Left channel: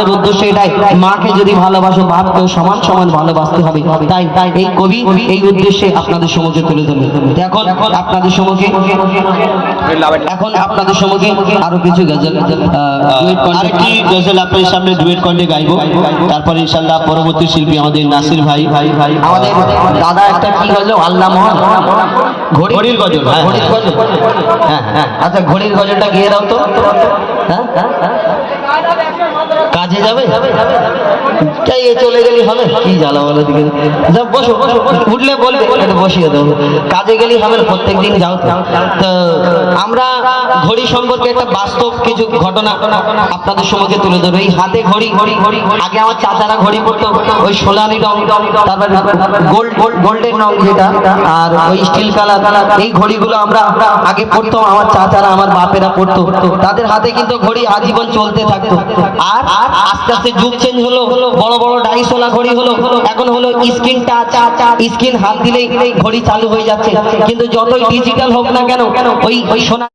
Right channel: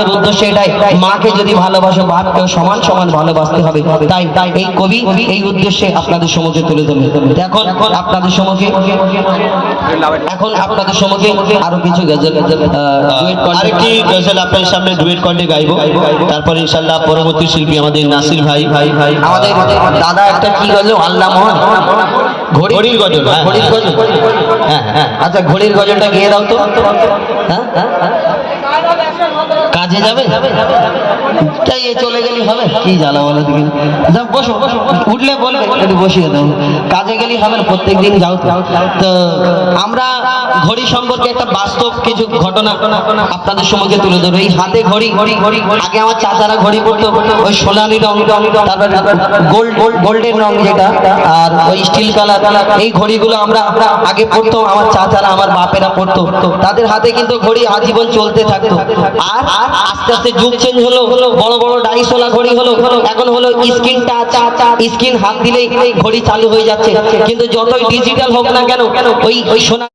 আমাদের উদ্দেশ্য এটাই, মাকে যদি ভালোবাসো বাপকেও সমান সমান ভালোবাসতে হবে। তাই এই কবি এই উদ্দেশ্যে আপনাদের সম্মুখে তুলে ধরবে। এখন আপনাদের সম্মুখে আরো কিছু গজল, আরেকটি গজল আপনাদের সামনে ডুয়েট কণ্ঠে গাইবো। তারপরে ইনশাআল্লাহ পরবর্তী শিল্পী আমাদের নাসির ভাই আমাদের দাদা একটা কি গজল, আল্লাহ মোহন ঘড়ির গজল। ঘড়ির গজল, হ্যাঁ আচ্ছা ঘড়ির গজলটা গিয়ে দাও তো। হ্যাঁ কাজে যাবে তাই এ চলে গেলি হবে, কি জ্বালা বলো দিকে। বসো উঠলে বলবে, বসিয়ে দাও। কাজে গেলি হবে না, প্রত্যেকদিন যাও। তো আমরা ঘড়ি সম্পর্কে একটা বাস্তব কিছু ঘটনা আপনাদের সম্মুখে তুলে ধরবো। এই হাতে ঘড়ি, আগে আমার চাচারা ঘড়ি পড়তো ওই সোনালি রং, তারপর গোল্ডেন রং যেটা, আর ওই স্টিল কালার, এই ঘড়িগুলো আমরা আগে পড়তাম, আমার চাচারা আমার বাপেরা পড়তো। তাদের হাতে কিন্তু ঘড়ি আজীবন চলতে থাকতো। আর আস্তে আস্তে যুগ চেঞ্জ হলো, বড় বড় ডাইসওয়ালা ঘড়ি হলো, এখন হলো স্ক্রিন টাচ, স্ক্রিন হাত দিলেই ঘড়ি চালু হয়ে যাচ্ছে। কিন্তু যতই ডিজিটাল হোক না কেন ওই সোনা